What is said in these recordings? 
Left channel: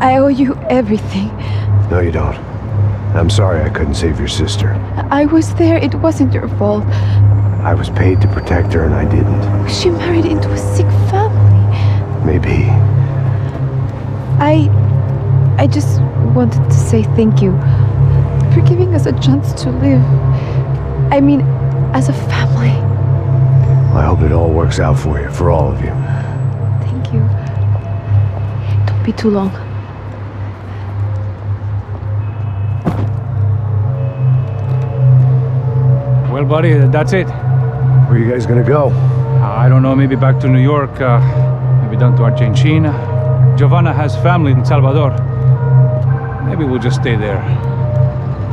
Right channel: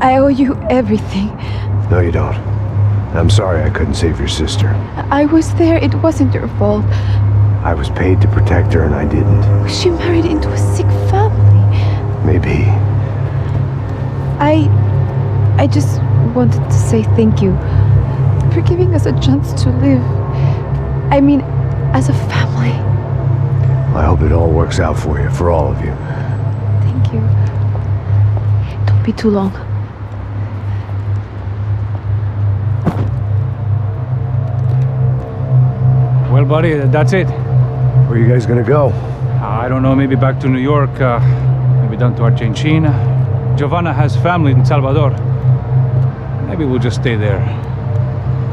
I owe you everything. No, you don't. I'm sorry I couldn't save your sister. I was there. It wasn't your fault. I was paid to protect her and I didn't. She married into a sick family. Maybe. I just wanted to say thank you for giving us a chance to live. I mean, as a family. I hope it all works out for you, for all of you. Thank you. Don't be too long. Well, buddy, that's it. Where are you guys gonna go? I don't know, maybe back to New York, maybe down to Argentina. Giovanna has family in Salvador. Maybe we'll just stay there.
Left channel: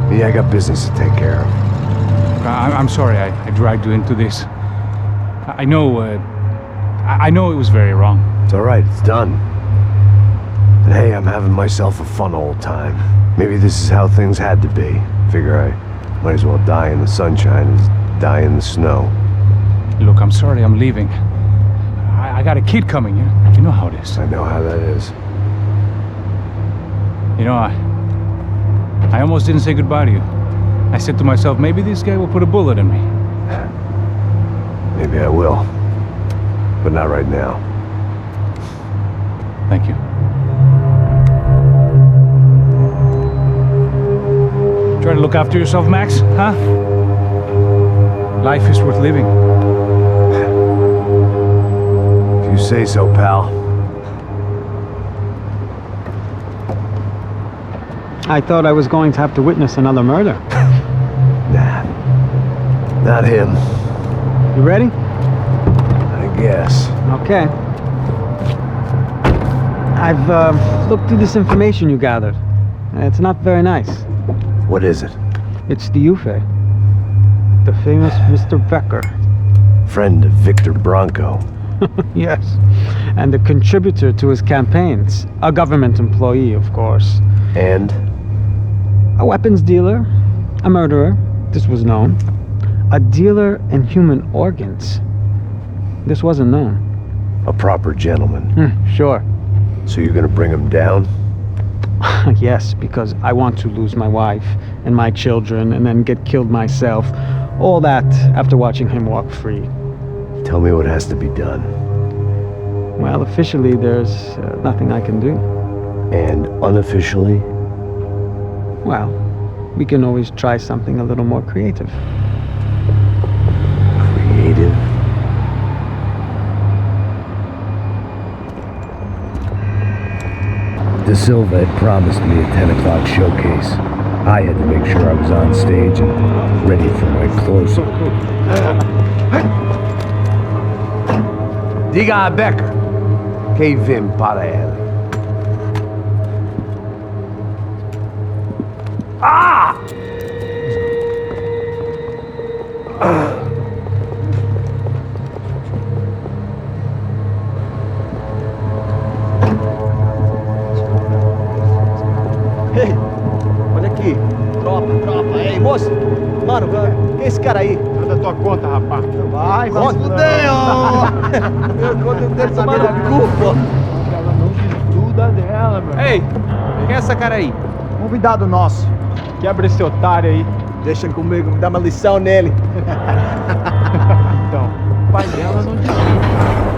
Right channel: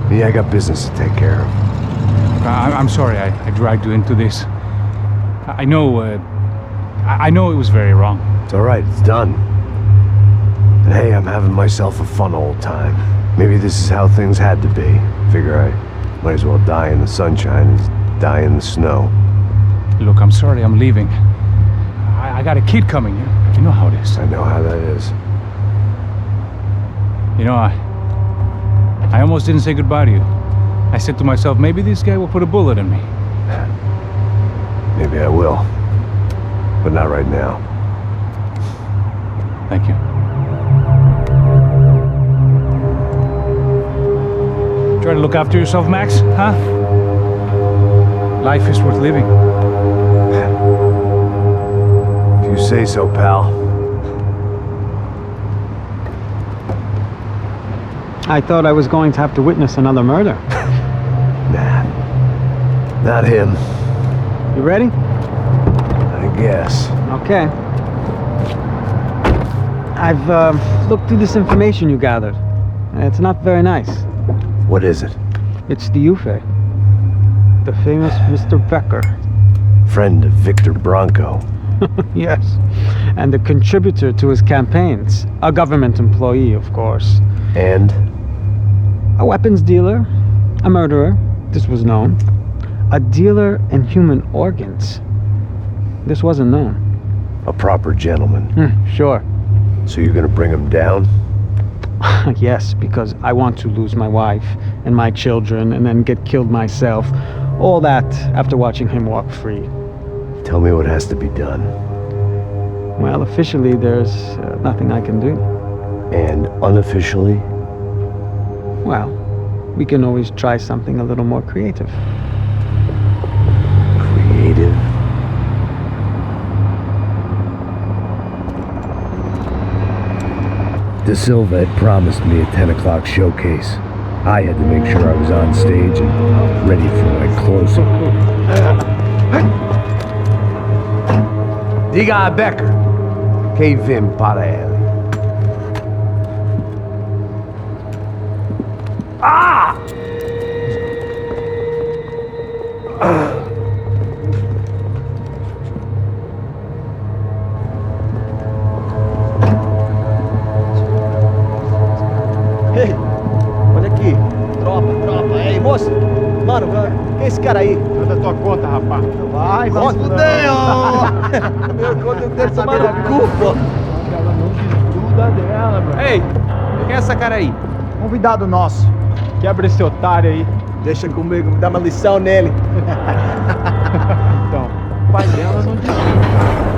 Me, I got business to take care of. I'm sorry I dragged you into this. I know it was very wrong. It's all right, it's done. And hey, I'm having myself a fun old time. Maybe this is how things had to be. Figure I might as well die in the sunshine as die in the snow. Look, I'm sorry I'm leaving. I got a kid coming, you know how it is. I know how that is. You know, I almost didn't say goodbye to you. I said to myself, maybe this guy will put a bullet in me. Maybe I will. But not right now. Thank you. Try to look after yourself, Max, huh? Life is worth living. If you say so, pal. I thought I was going to have to witness another murder. Nah. Not him. You ready? I guess. Okay. I've looked through this information you gathered. It's not very nice. What is it? It's the UFE. The famous Mr. Becker. Friend of Victor Bronco. Yes. And a contributor to his campaigns. A government employee, of course. And? A weapons dealer. A murderer. This was known. A dealer in human organs. This wasn't known. A proper gentleman. Sure. So you're gonna bring him down? Yes, because I want to lose my wife and my children and then get killed myself. All that after watching him walk free. Tell me what has to be done. Well, officially there's nothing I can do. And unofficially? Well, we can always try something a little more creative. Creative? De Silva had promised me a 10 o'clock showcase. I had to make sure I was on stage and ready for my closing. Diga a Becker que vim para ele. Ah! Ei, olha aqui. Tropa. Ei, moço. Mano, quem é esse cara aí? Manda tua conta, rapaz. Vai se fuder, ó. Meu conta dele tomar no cu, pô. Ela não desgruda dela, mano. Ei, quem é essa cara aí? Convidado nosso. Quebra esse otário aí. Deixa comigo, me dá uma lição nele. Então, o pai dela não desgruda.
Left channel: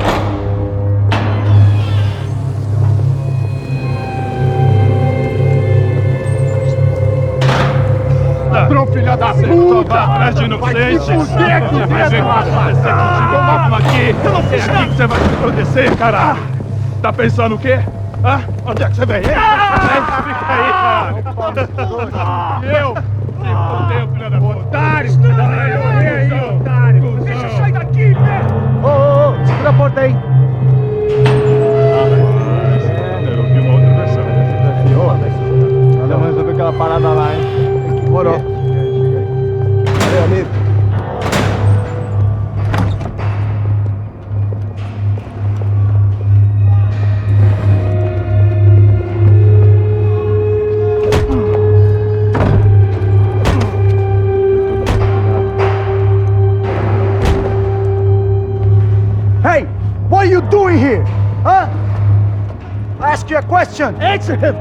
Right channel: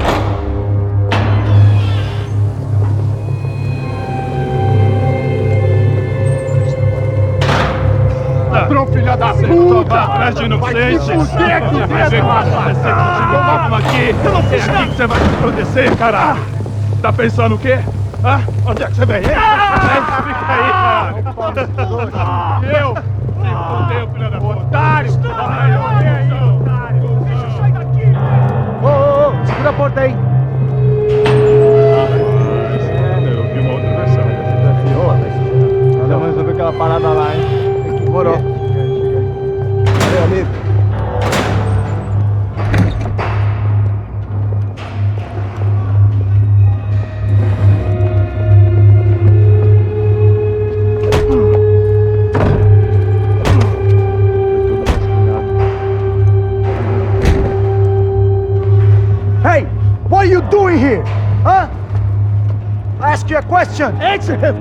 Ladrão, filha da puta! Vai atrás de inocente! Vai ver como vai acontecer contigo! Vamos aqui! É aqui que você vai se proteger, caralho! Tá pensando o quê? Hã? Onde é que você vem? Fica aí, caralho! Eu? Se fodeu, filha da puta! Otário! Otário! Deixa eu sair daqui, velho! Ô, segura a porta aí! Eu vi uma outra versão. Vamos resolver aquela parada lá, hein? Demorou. Chega aí. Valeu, amigo. Hey! What are you doing here? Huh? asked you a question. Answer him.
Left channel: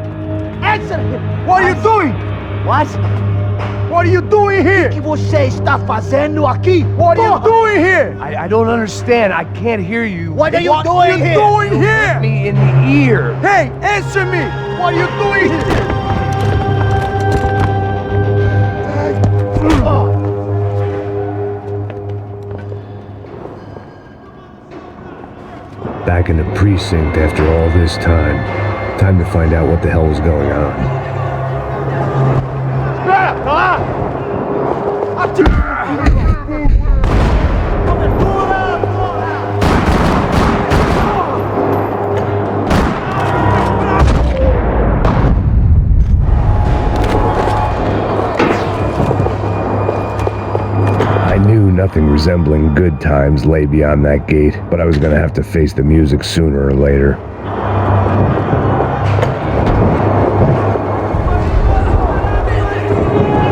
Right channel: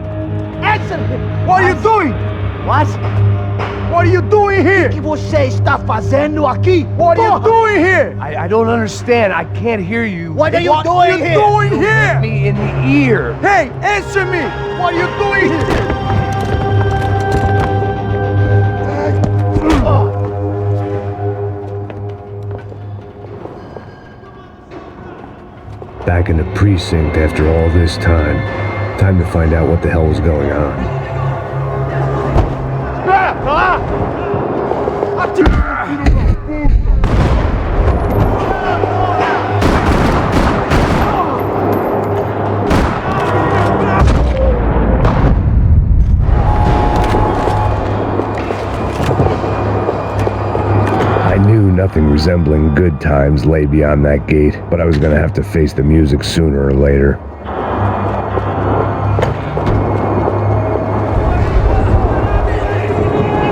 Answer him. What are you doing? What? What are you doing here? O que você está fazendo aqui? What are you doing here? I don't understand. I can't hear you. What are you What doing are you here? doing You here? hit me in the ear. Hey, answer me. What are you doing here? Back in the precinct after all this time. Time to find out what the hell was going on. I knew nothing resembling good times lay beyond that gate, but I was gonna have to face the music sooner or later.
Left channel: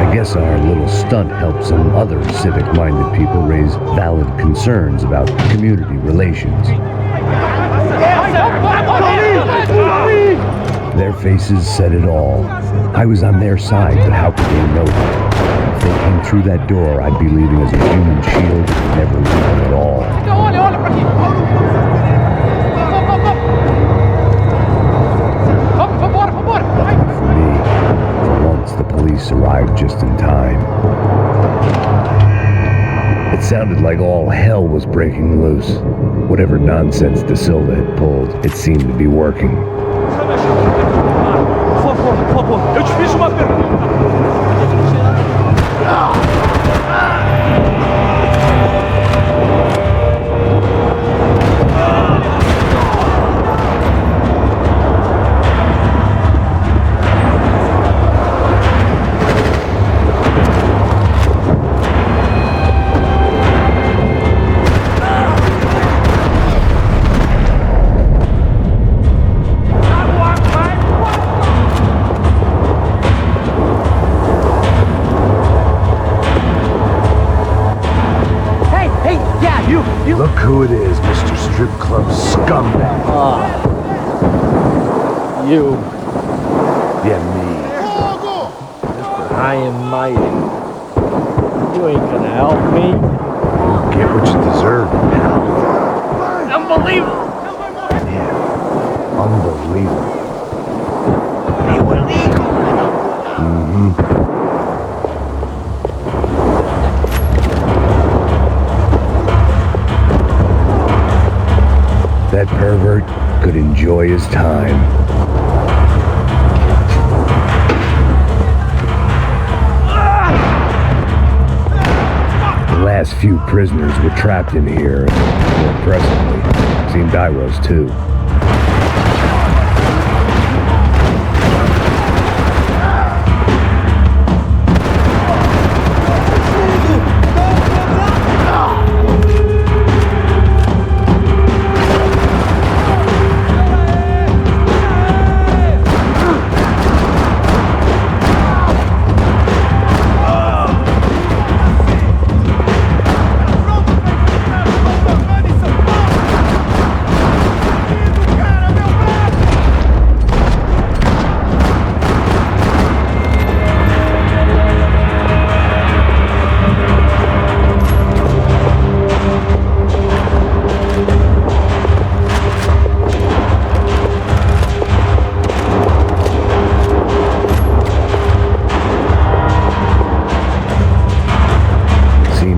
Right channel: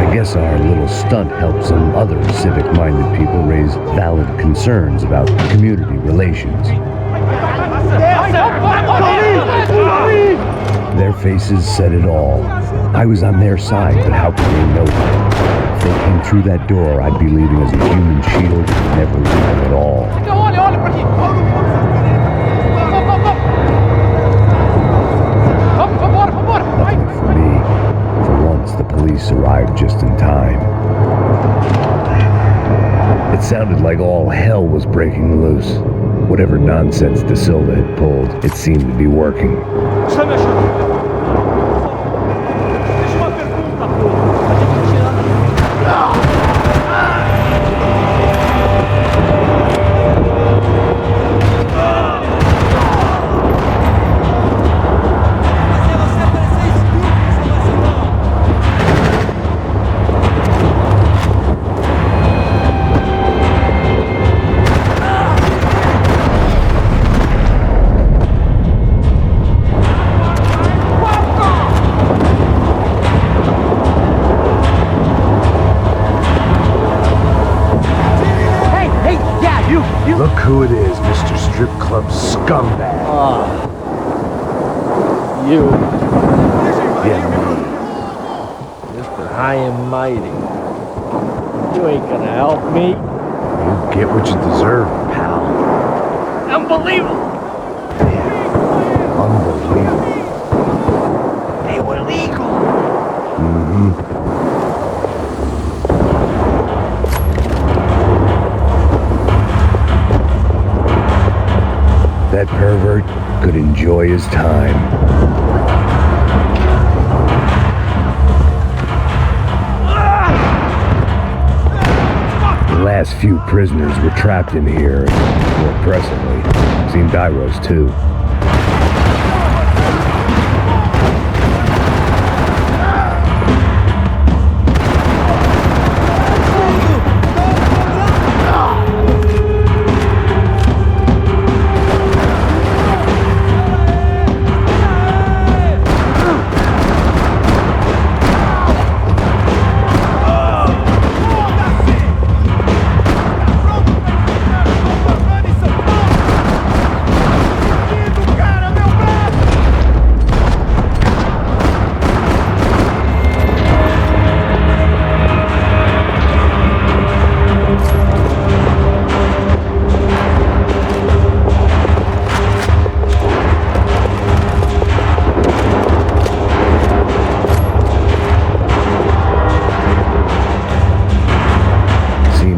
I guess our little stunt helped some other civic-minded people raise valid concerns about community relations. Their faces said it all. I was on their side, but how could they know that? If they came through that door, I'd be leaving as a human shield, never leaving at all. Luckily for me, for once the police arrived just in time. It sounded like all hell was breaking loose. Whatever nonsense De Silva had pulled, it seemed to be working. Está me ajudando. Por favor. Eu te fiz uma pergunta. A gente anda. Look who it is, Mr. Strip Club Scumbag. You. Yeah, me. Mr. High and Mighty. You ain't gonna help me. You get what you deserve, pal. Unbelievable. Yeah, unbelievable. They were legal. Mm-hmm. That pervert could enjoy his time. The last few prisoners were trapped in here, and more presently, seemed Iros too.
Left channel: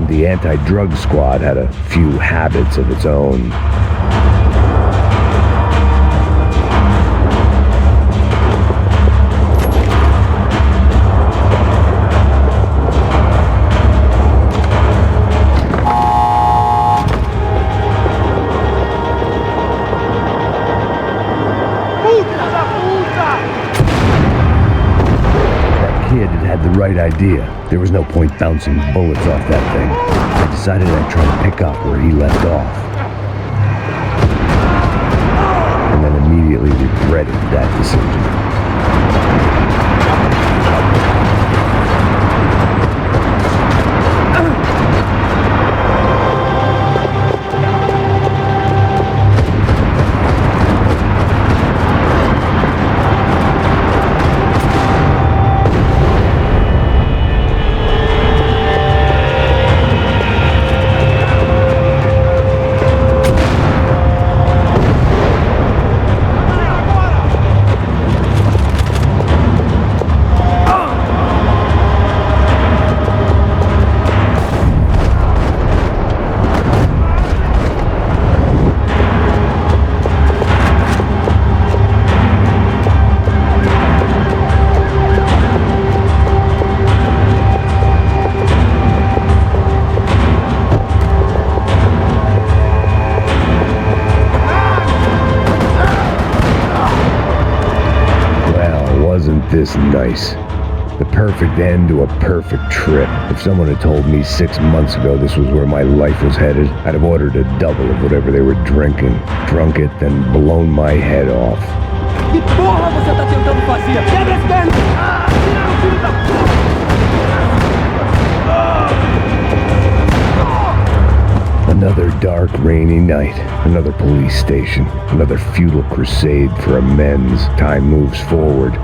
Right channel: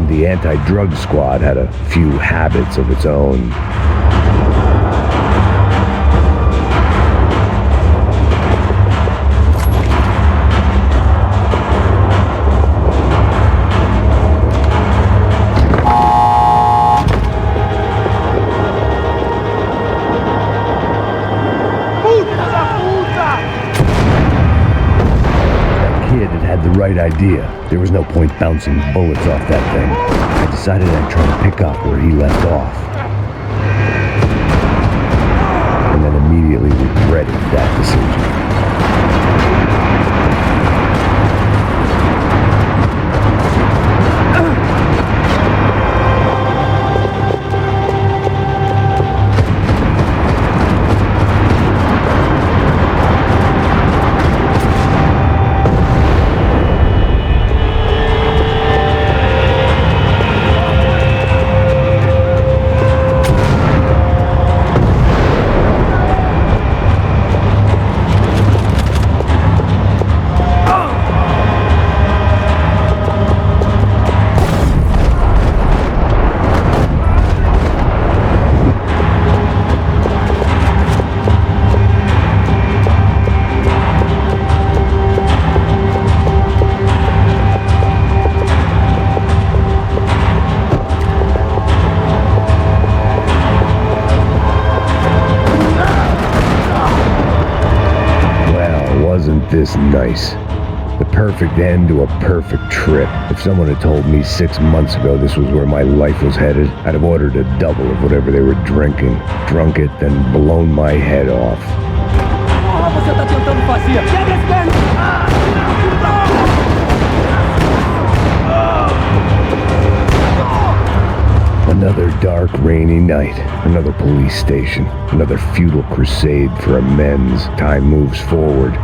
The anti-drug squad had a few habits of its own. That kid had the right idea. There was no point bouncing bullets off that thing. I decided I'd try to pick up where he left off. And then immediately regretted that decision. this nice? The perfect end to a perfect trip. If someone had told me 6 months ago this was where my life was headed, I'd have ordered a double of whatever they were drinking, drunk it, then blown my head off. Porra, você tá tentando fazer? Quebra esse perna! Filho da Another dark, rainy night. Another police station. Another futile crusade for amends. Time moves forward,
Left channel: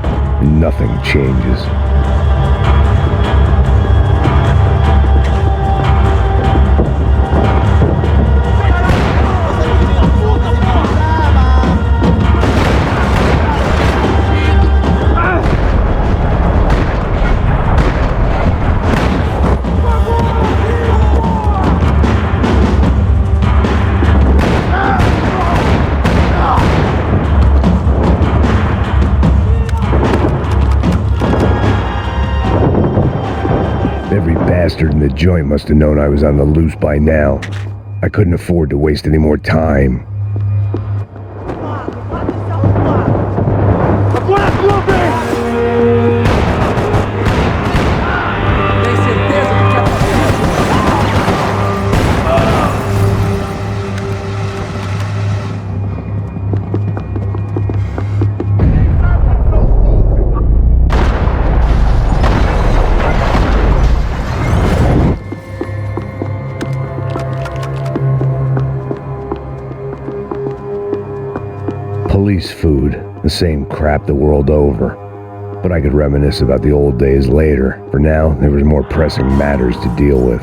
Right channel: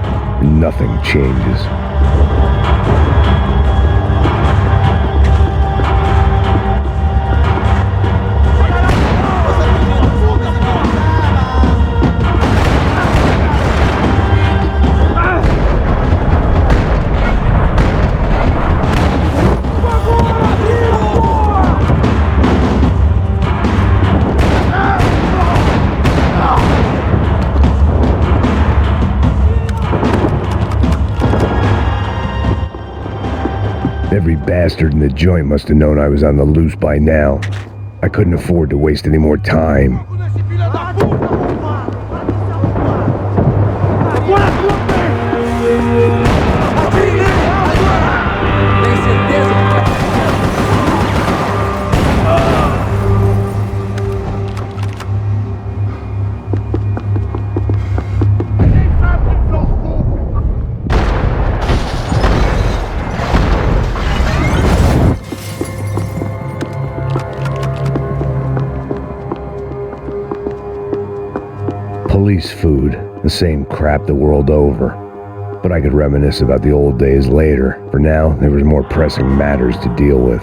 and nothing changes. Every bastard in the joint must have known I was on the loose by now. I couldn't afford to waste any more time. Tem certeza que quer? Police food, the same crap the world over. But I could reminisce about the old days later. For now, there was more pressing matters to deal with.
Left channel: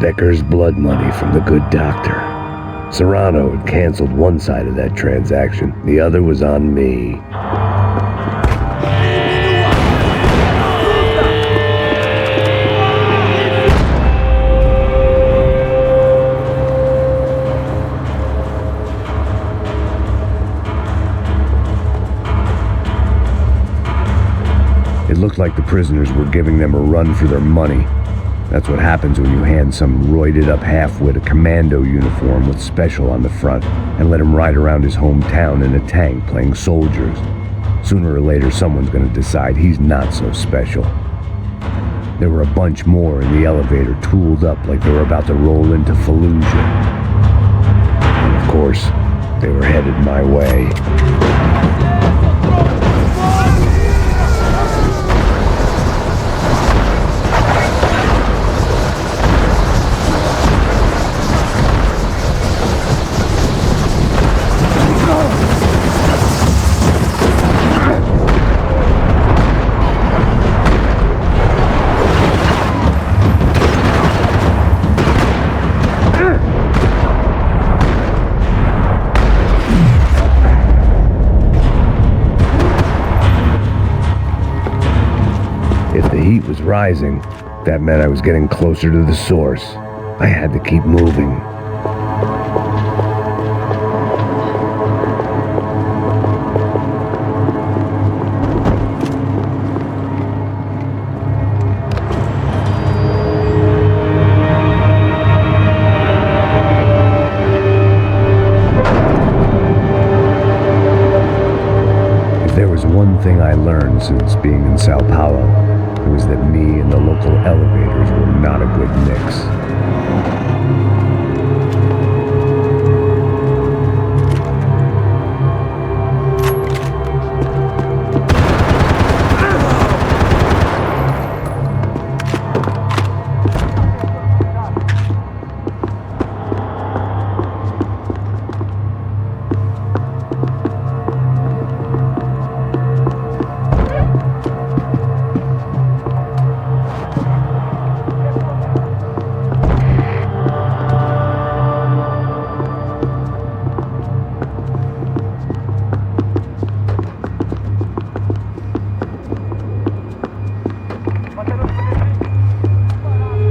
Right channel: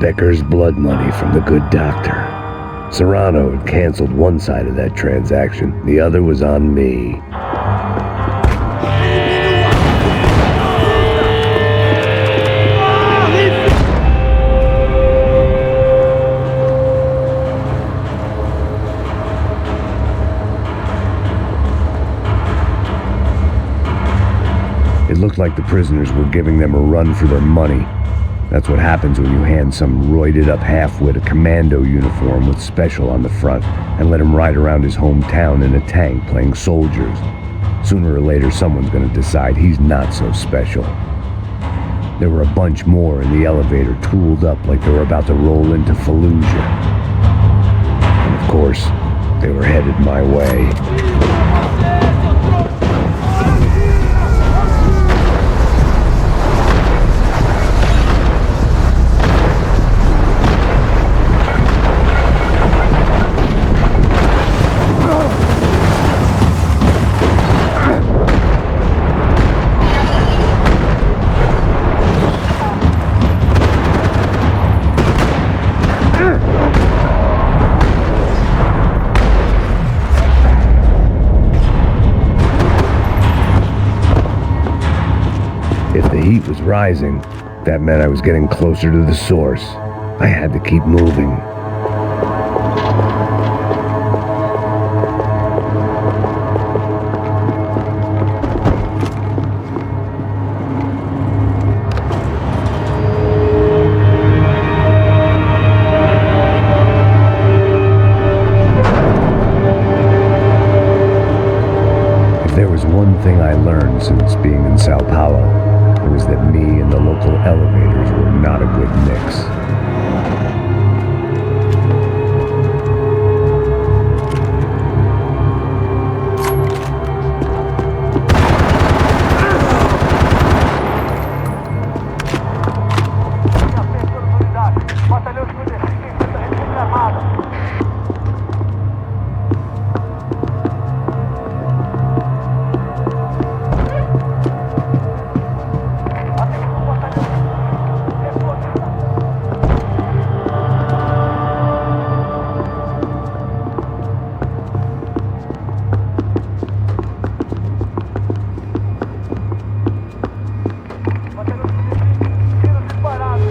Becker's blood money from the good doctor. Serrano had canceled one side of that transaction. The other was on me. It looked like the prisoners were giving them a run for their money. That's what happens when you hand some roided-up halfwit a commando uniform with special on the front and let him ride around his hometown in a tank playing soldiers. Sooner or later, someone's going to decide he's not so special. There were a bunch more in the elevator, tooled up like they were about to roll into Fallujah. And of course, they were headed my way. If the heat was rising, that meant I was getting closer to the source. I had to keep moving. If there was one thing I learned since being in Sao Paulo, it was that me and the local elevators were not a good mix.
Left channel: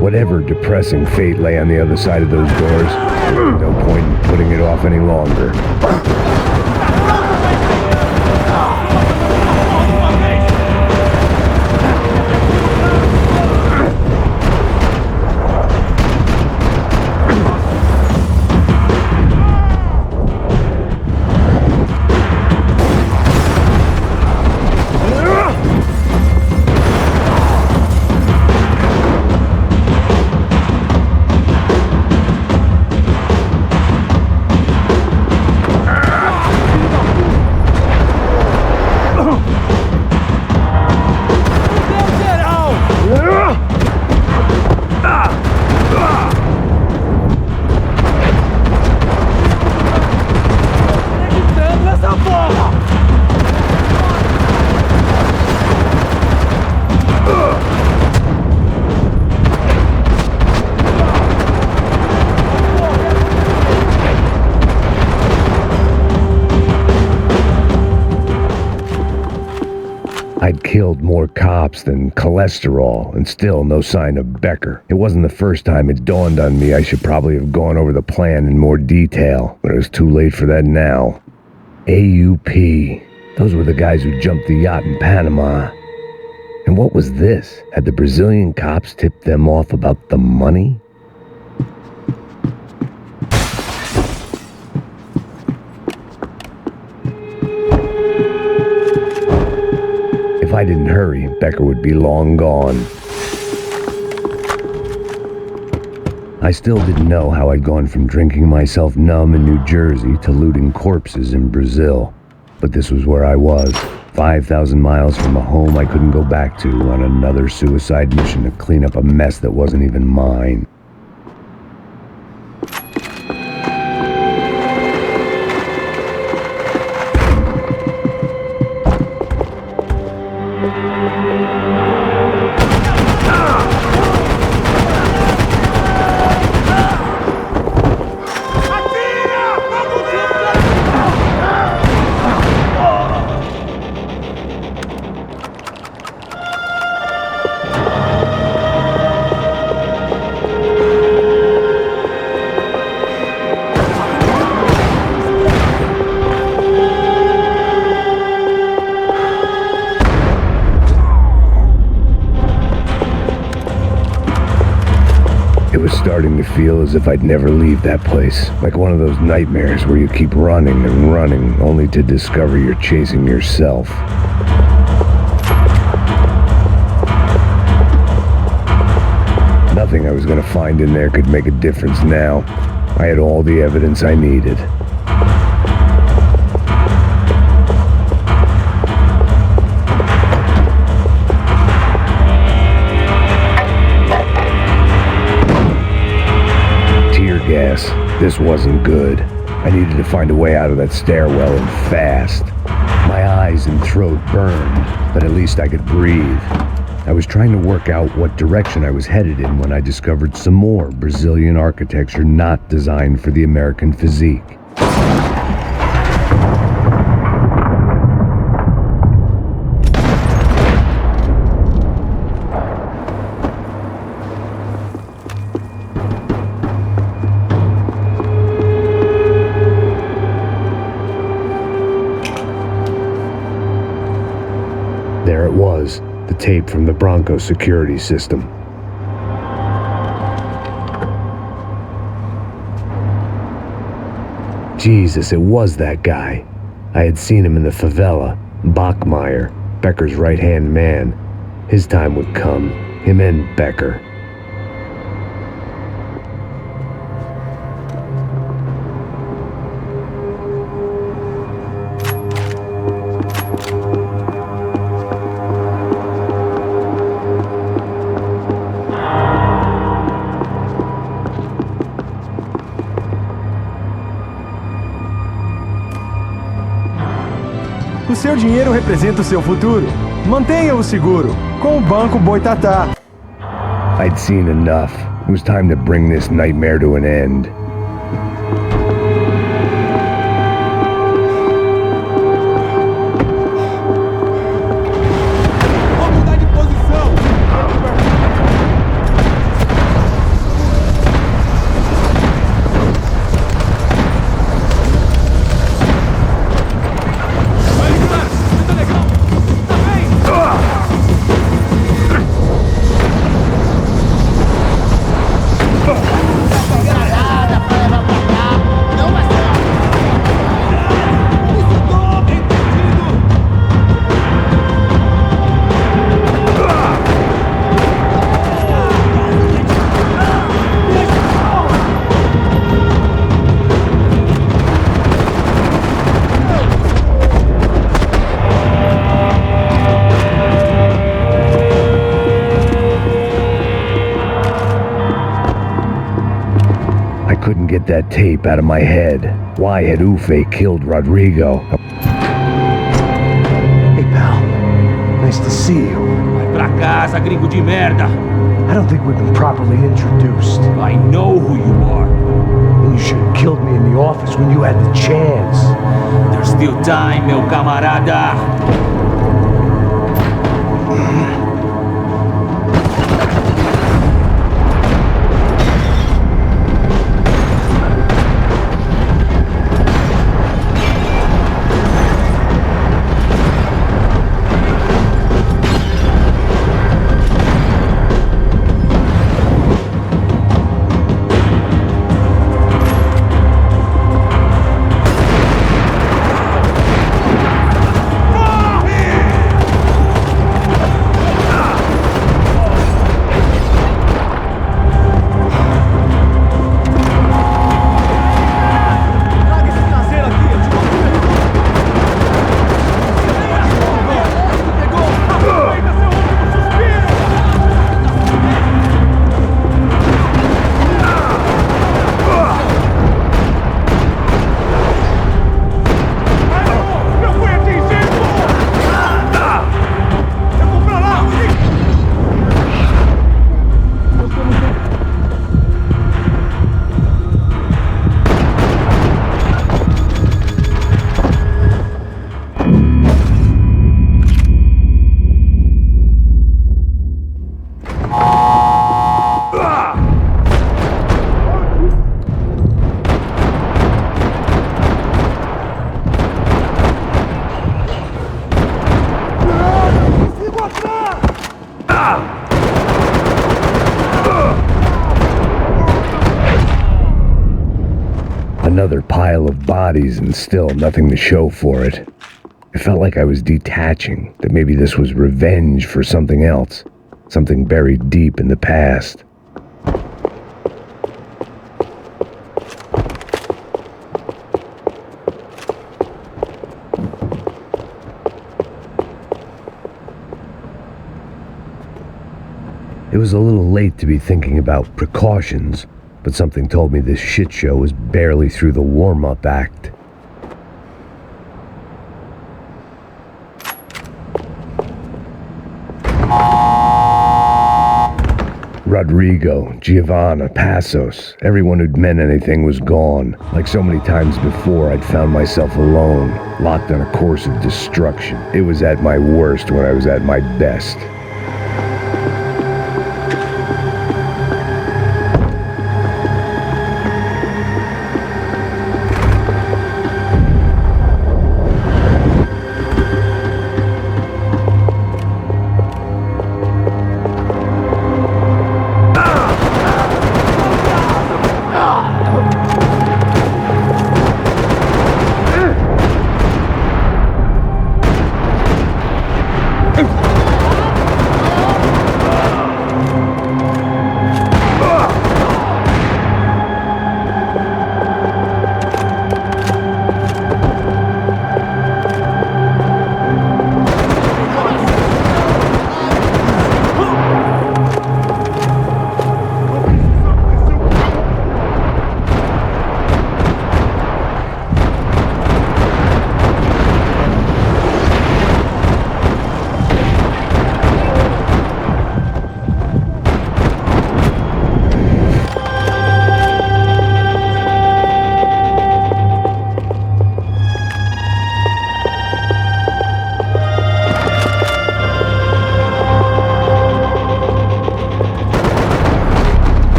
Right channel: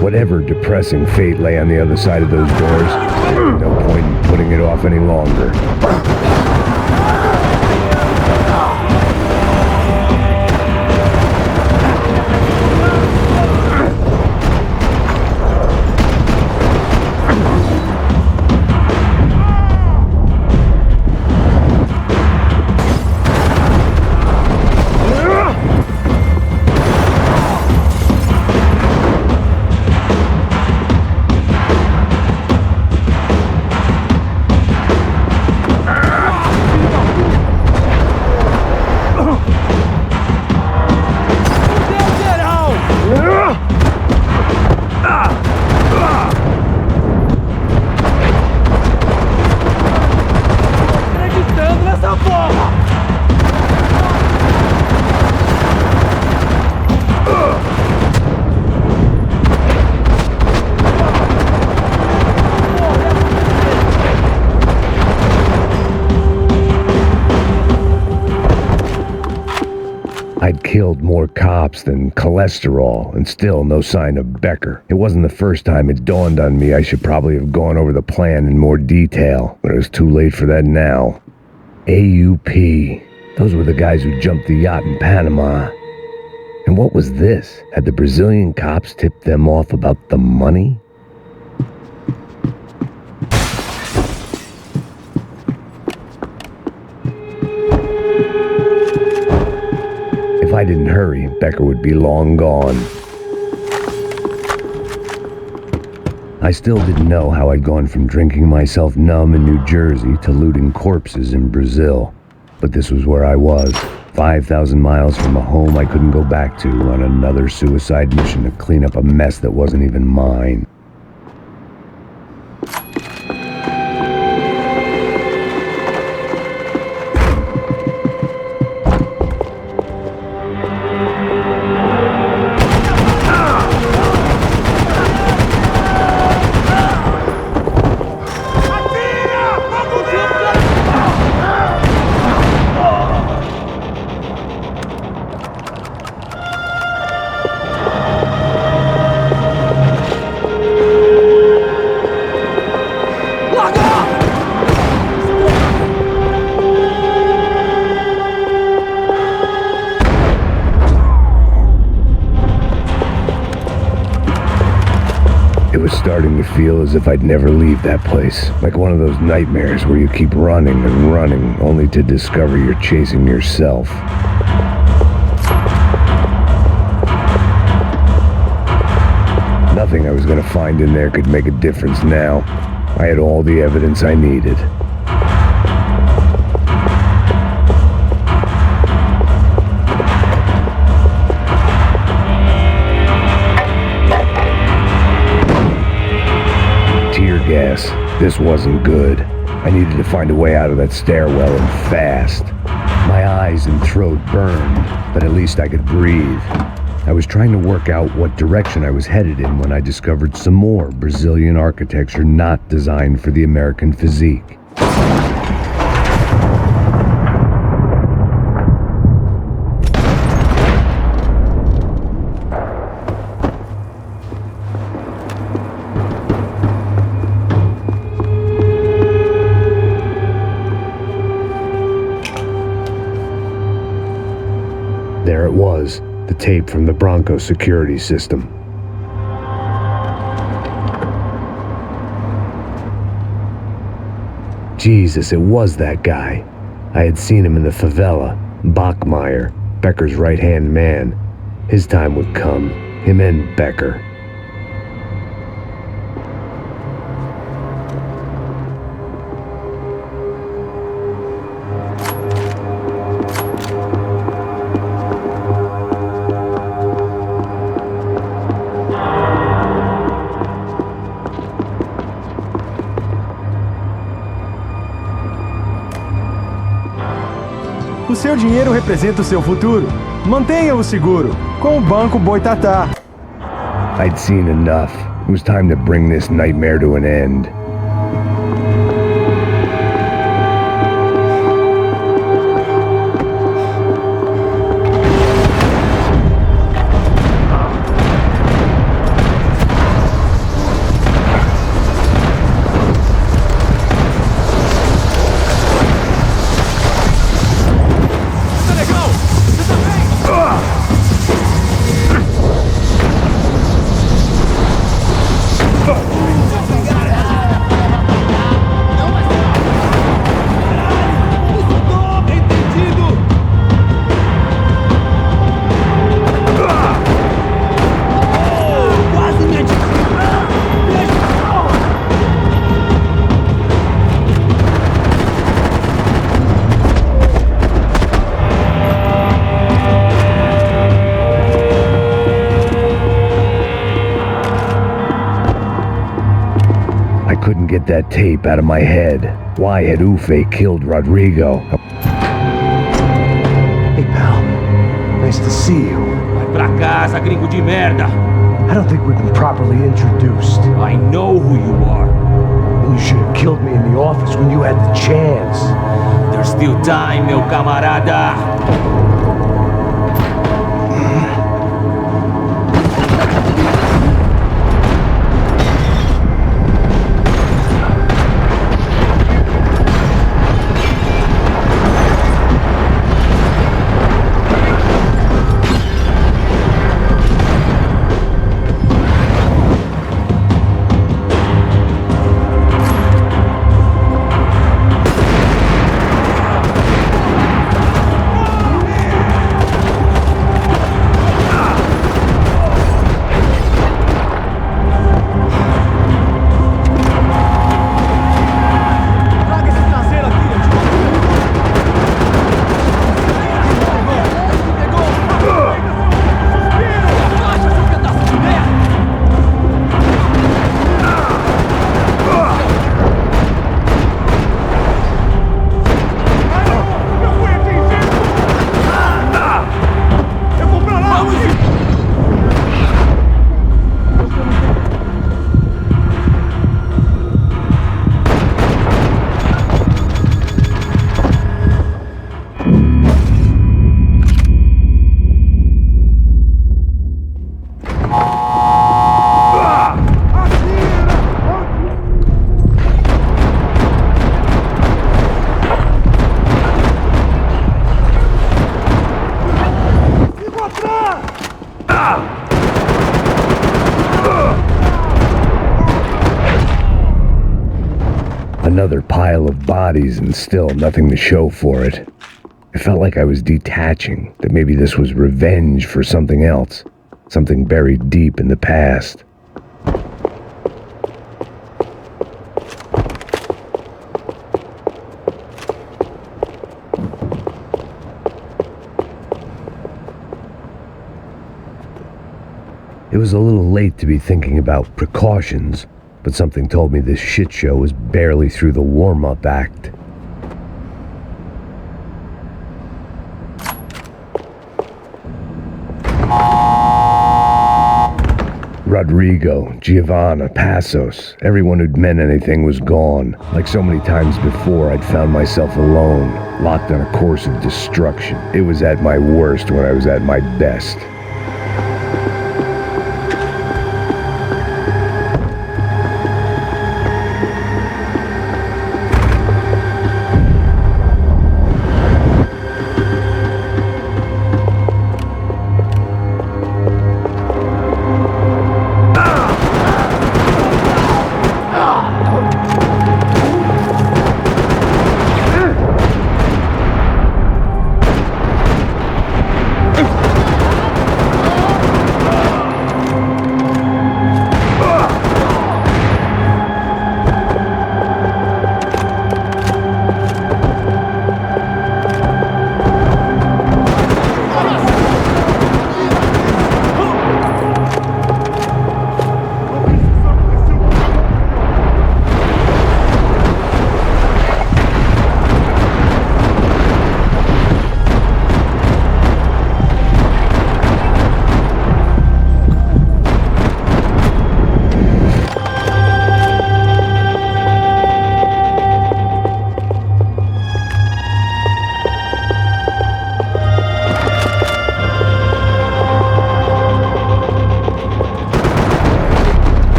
Whatever depressing fate lay on the other side of those doors, there was no point in putting it off any longer. Atira, porra! I'd killed more cops than cholesterol, and still no sign of Becker. It wasn't the first time it dawned on me I should probably have gone over the plan in more detail, but it was too late for that now. AUP. Those were the guys who jumped the yacht in Panama. And what was this? Had the Brazilian cops tipped them off about the money? If I didn't hurry, Becker would be long gone. I still didn't know how I'd gone from drinking myself numb in New Jersey to looting corpses in Brazil. But this was where I was, 5,000 miles from a home I couldn't go back to, on another suicide mission to clean up a mess that wasn't even mine. It was starting to feel as if I'd never leave that place, like one of those nightmares where you keep running and running, only to discover you're chasing yourself. Nothing I was going to find in there could make a difference now. I had all the evidence I needed. Tear gas. This wasn't good. I needed to find a way out of that stairwell, and fast. My eyes and throat burned, but at least I could breathe. I was trying to work out what direction I was headed in when I discovered some more Brazilian architecture not designed for the American physique. There it was, the tape from the Bronco security system. Jesus, it was that guy. I had seen him in the favela, Bachmeyer, Becker's right-hand man. His time would come, him and Becker. O seu dinheiro representa o seu futuro. Mantenha-o seguro, com o Banco Boitatá. I'd seen enough. It was time to bring this nightmare to an end. I couldn't get that tape out of my head. Why had UFE killed Rodrigo? Hey, pal. Nice to see you. Vai pra casa, gringo de merda! I don't think we've been properly introduced. I know who you are. And you should have killed me in the office when you had the chance. There's still time, meu camarada! Another pile of bodies and still nothing to show for it. It felt like I was detaching, that maybe this was revenge for something else, something buried deep in the past. It was a little late to be thinking about precautions, but something told me this shit show was barely through the warm-up act. Rodrigo, Giovanna, Passos, everyone who'd meant anything was gone. Like so many times before, I'd found myself alone, locked on a course of destruction. It was at my worst when I was at my best.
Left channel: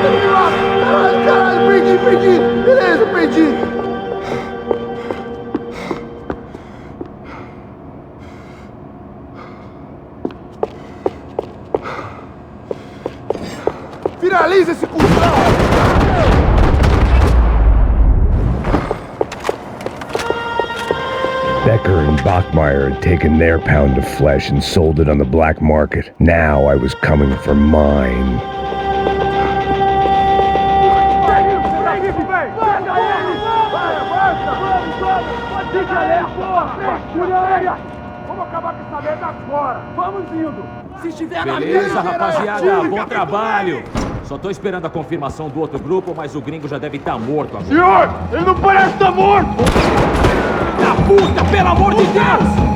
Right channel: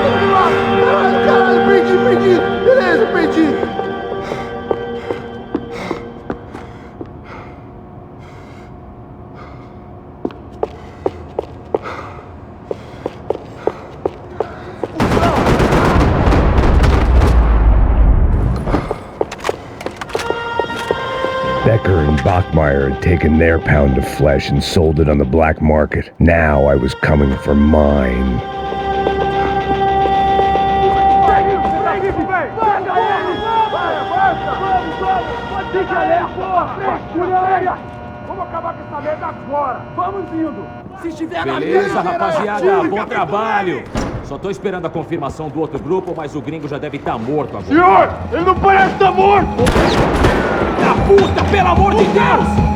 todo mundo lá! Caralho, caralho, perdi! Beleza, perdi! Finaliza esse cuzão! Becker and Bachmeyer had taken their pound of flesh and sold it on the black market. Now I was coming for mine. Vamos acabar com essa merda agora! Vamos indo! Se estiver na Beleza, rapaziada, bom trabalho! Só tô esperando a confirmação do outro grupo, mas o gringo já deve estar morto agora. Senhor, ele não parece estar morto! Da puta, pelo amor de Deus!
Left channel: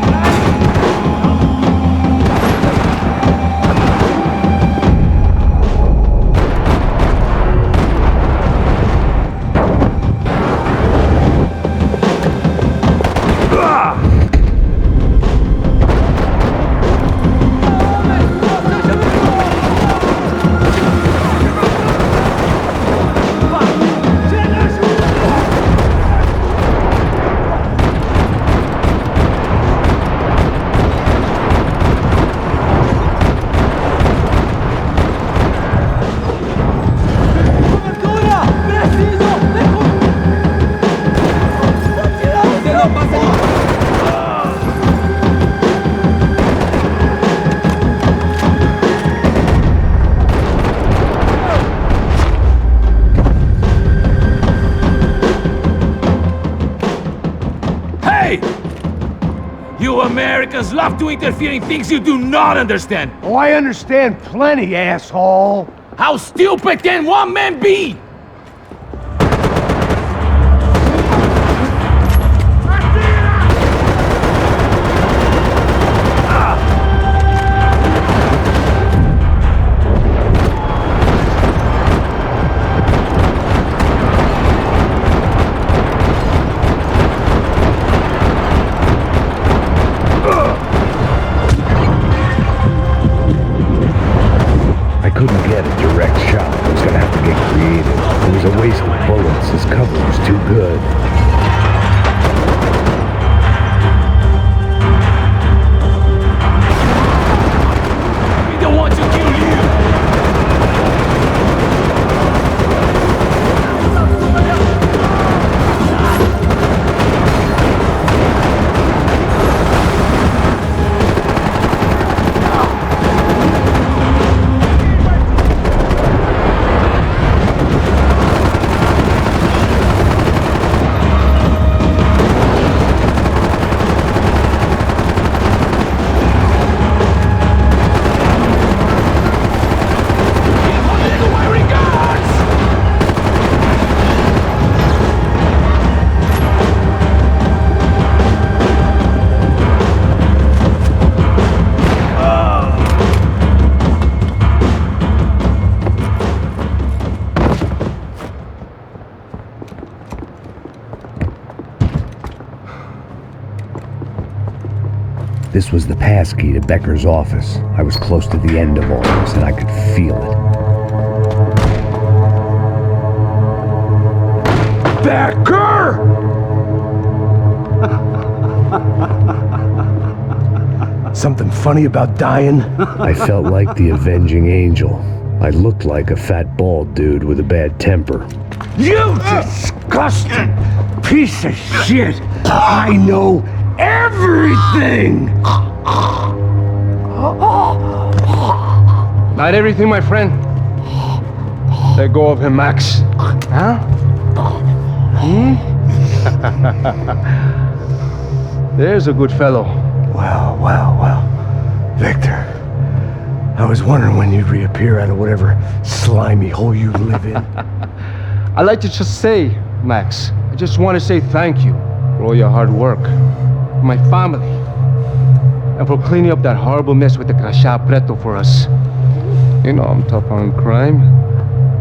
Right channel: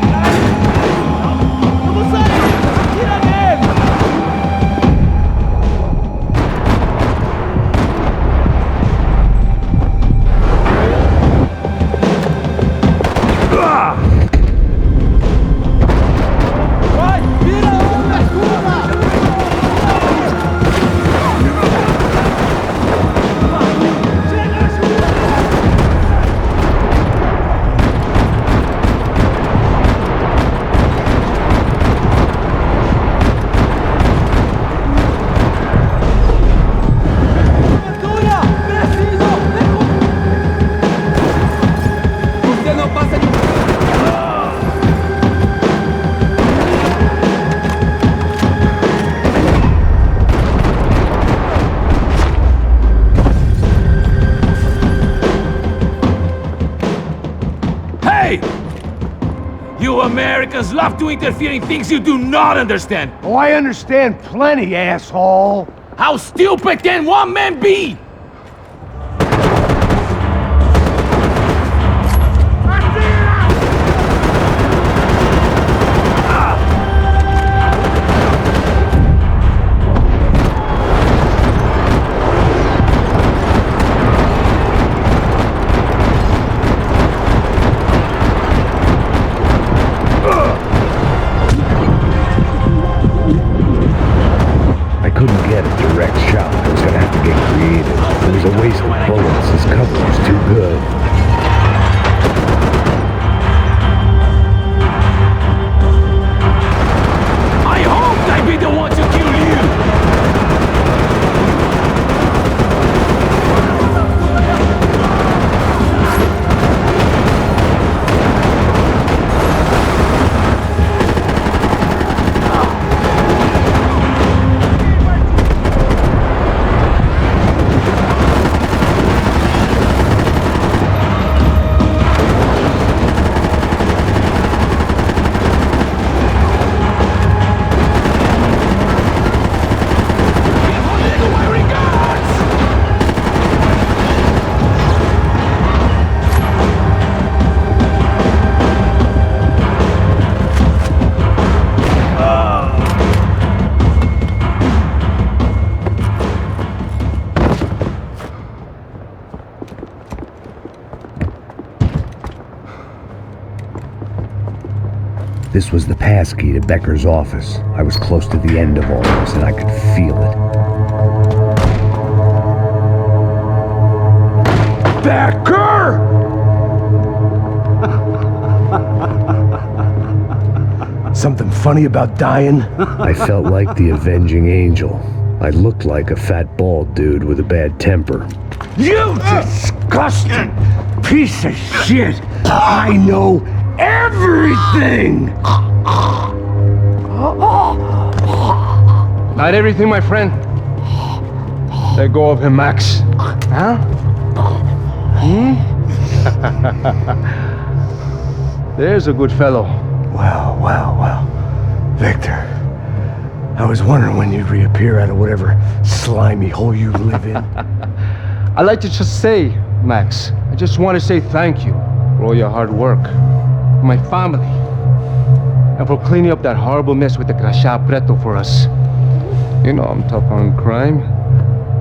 You Americans love to interfere in things you do not understand! Oh, I understand plenty, asshole! How stupid can one man be? Couldn't get a direct shot. I was gonna have to get creative. It was a waste of bullets. His cover was too good. I hope I be the one to kill you! This was the passkey to Becker's office. I was close to the end of all this, and I could feel it. Becker! Something funny about dying? I felt like the avenging angel. I looked like a fat bald dude with a bad temper. You disgusting piece of shit! I know everything! Not everything, my friend. Let go of him, Max. Huh? There's a good fellow. Well. Victor, I was wondering when you'd reappear out of whatever slimy hole you live in. I'd like to just say, Max, I just want to say thank you for all your hard work, for my family, and for cleaning up that horrible mess with the crachá preto for us. You know I'm tough on crime.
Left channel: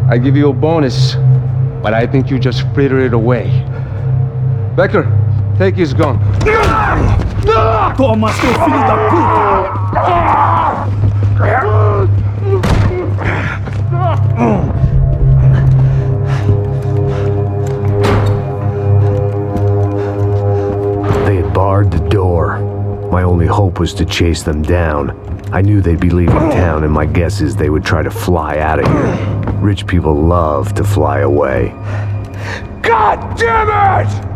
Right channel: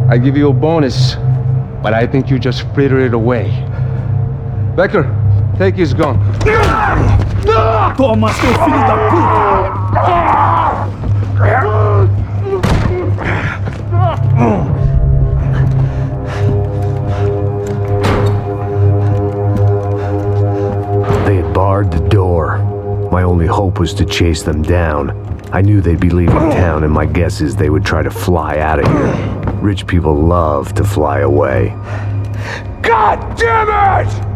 I give you a bonus, but I think you just frittered it away. Becker, take his gun. Toma, seu filho da puta! hope was to chase them down. I knew they'd be leaving town, and my guess is they would try to fly out of here. Rich people love to fly away. God damn it!